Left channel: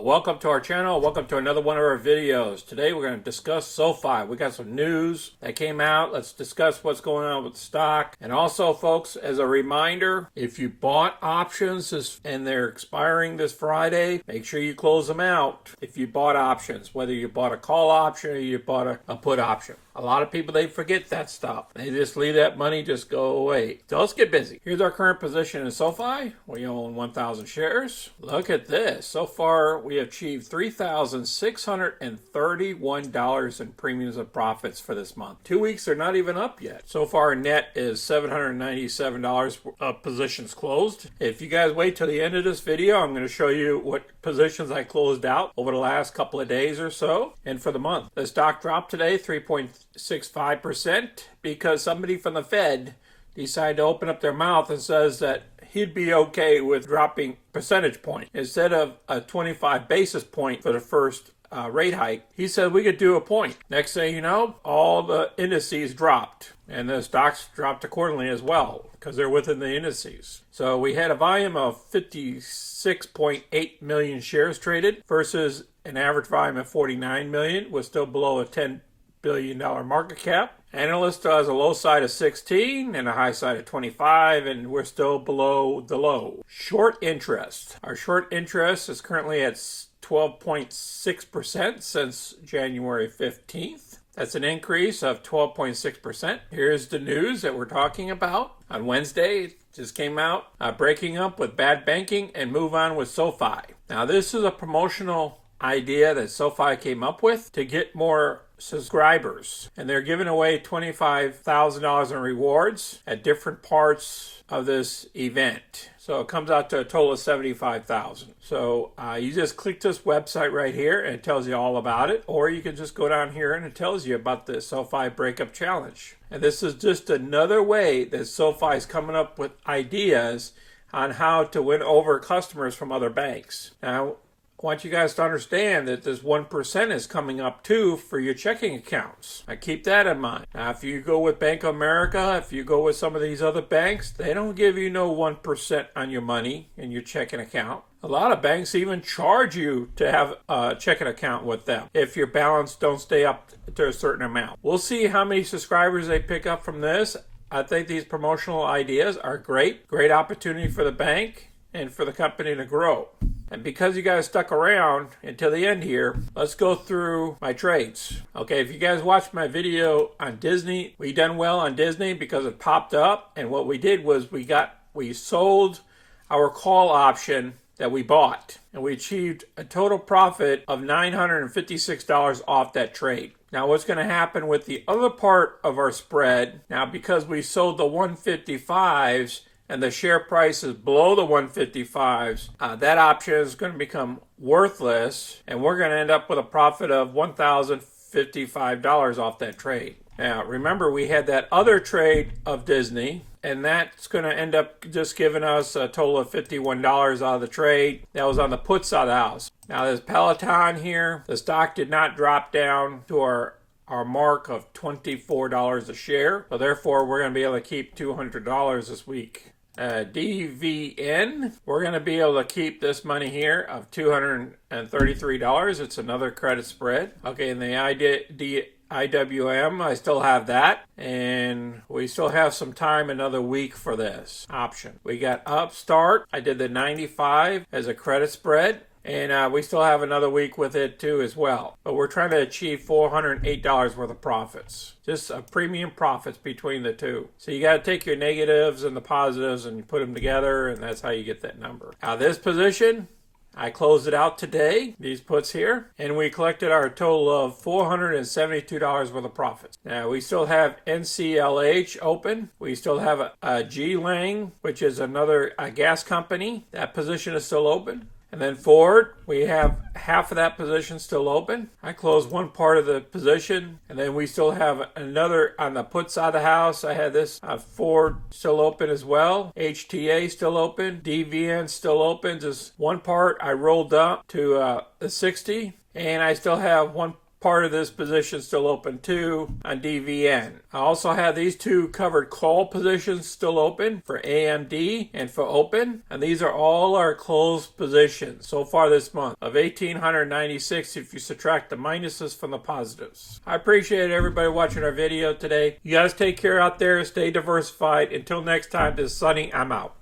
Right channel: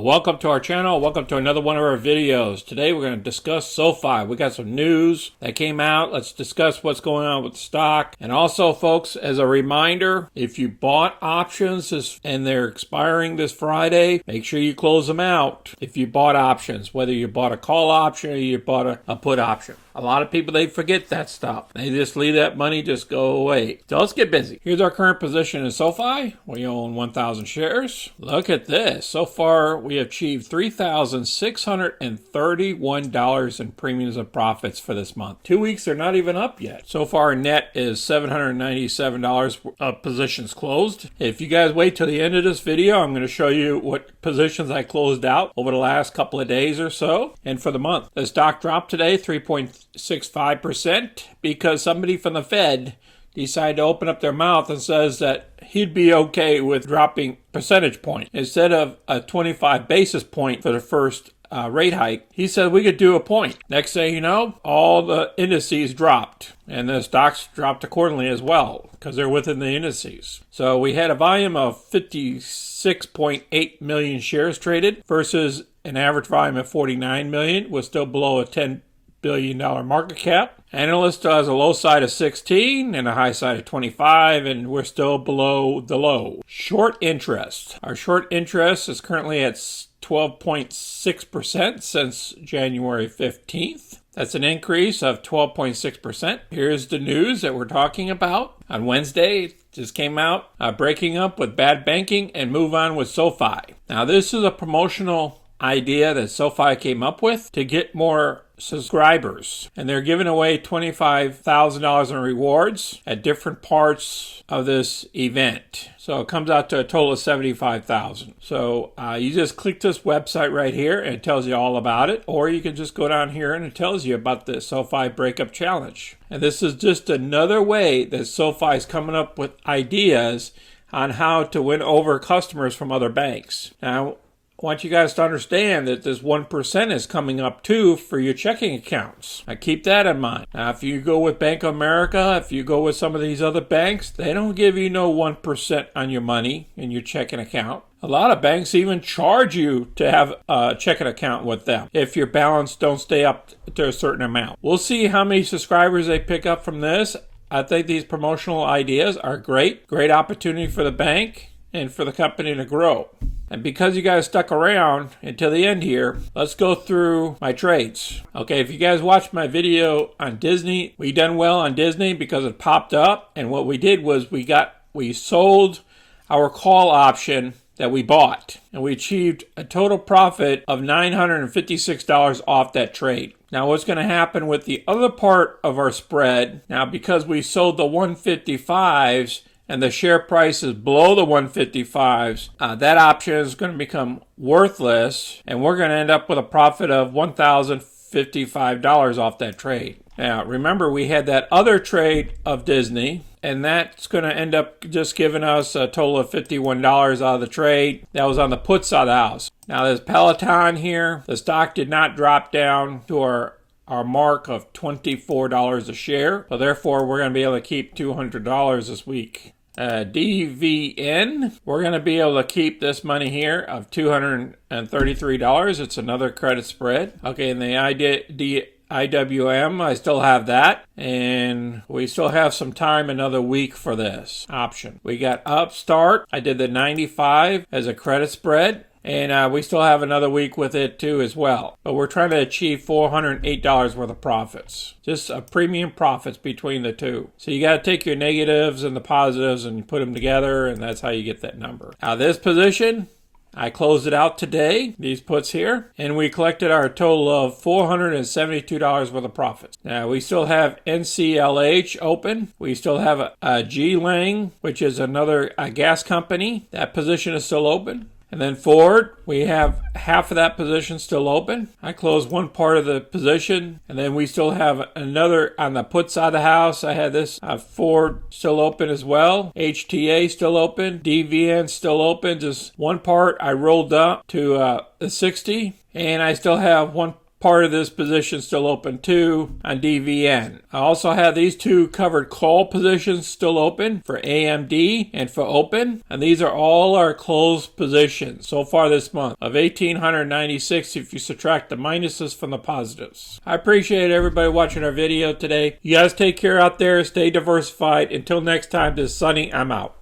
Welcome to our channel. Welcome to another one of our videos. Today we're going to discuss SoFi. We got some news that came out. Let's discuss what's going on with the stock. And also, folks, as a reminder, if you bought options and they're expiring this Friday, make sure you close them out. If you bought options, whether you bought a call option or you bought a put option. A lot of people, they forget that stuff. They just leave that money just go away. So let's get busy. Here's our current position in SoFi. We own 1,000 shares. Look at this. So far, we have achieved $3,631 in premiums and profits for this month. 2 weeks, they're not even up yet. So far, net is $797 of positions closed. If you guys wait till the end of this video, I'm going to show you what positions I closed out over the last couple of days or so and for the month. The stock dropped today 3.65% because somebody from the Fed decided to open up their mouth and says that he'd be okay with dropping percentage point. Instead of a 25 basis point for the first rate hike, he said we could do a point. Next thing you know, all the indices dropped and the stocks dropped accordingly as well because they're within the indices. So we had a volume of 56.8 million shares traded versus an average volume of 49 million, was still below a $10 billion market cap. Analyst has a low side of 16 and a high side of 25, and we're still below the low. Short interest. Our short interest is currently at 12.6% since January 15th. That's an increase of 12.6%. Here's the news that we're talking about. On Wednesday, it just came out, breaking up with bad banking and move on with SoFi. Now, this is a promotional idea that SoFi came up with to get more subscribers, and they're giving away $25,000 in rewards at different parts of this event. So it comes out to a total of $75,000. So you just click this website right here and it tells you all about it, or you can just go down here and it tells you about the SoFi Breakup Challenge. And this is just another way that SoFi is coming up with ideas on how to win over customers from other banks. Now, I want you guys to understand that this 1% is coming up too for your checking accounts. Now keep that in mind. Now if you go with Bank of America, if you go with some of these other banks, they don't give you no 1% on your money in your checking account. A lot of banks even charge you to have a checking account with them if your balance don't stay up to a certain amount. We'll see how many subscribers they pick up from this. I think these promotional ideas are great. Great opportunity for the bank and for the company to grow. And because you guys stuck around until the end here, let's go through my trades. Okay, if you guys watched my video on Disney, we done well on Disney because it popped up. And what we did was we sold our call option that we bought. And we achieved a total profit of $956 off that trade. Now what's going to happen with the other part of our spread, now because we sold the 155s, and the share price is below the 155s, that option is going to become worthless, and we're going to end up with a profit of $1,055 off that trade. Now, remember, we had that other trade of Disney, and that's going to end up just giving us a total of $51 out of the trade. That was on the put side of the house. Now, there's Peloton here. The stock did not drop down to our mark of $24 a share. So therefore, we're going to be able to keep $200 this week. DVN, we're going to be able to keep this money here of $233. It's another credit spread. Okay, and the IWM, I still have that. And we still have some time, another week for this option. We got Upstart. I did the 95 as a credit spread. And we still have another week with it too as well. But we're trying to achieve $408 worth of profits. Just a premium profits between the two. So you got to take your negatives and the positives and you put them together, and that's how you get that number. Now this position, I closed it out today, these puts here, and we collected our total of $472 worth of profits. Now we still have NCLH open. We still have a G-Lang, which is another gas company. That position is still open. And then Ford, we have half of that position still open. I closed one part of the position, and then we still have another on the put side of the house. I had this Ford still open as well. HTA still open. DVN still open. Just one part I rolled up to the 60, and I still have one part of this position still open too on DVN. I also have these two covered call positions still open for AMD and for Open, and these are all our closed positions so far this month of 1,896 if you subtract the minuses from the positives. I appreciate everybody watching our video today. You guys take care out there, stay diversified. Until next time, this is Sonny, I'm out.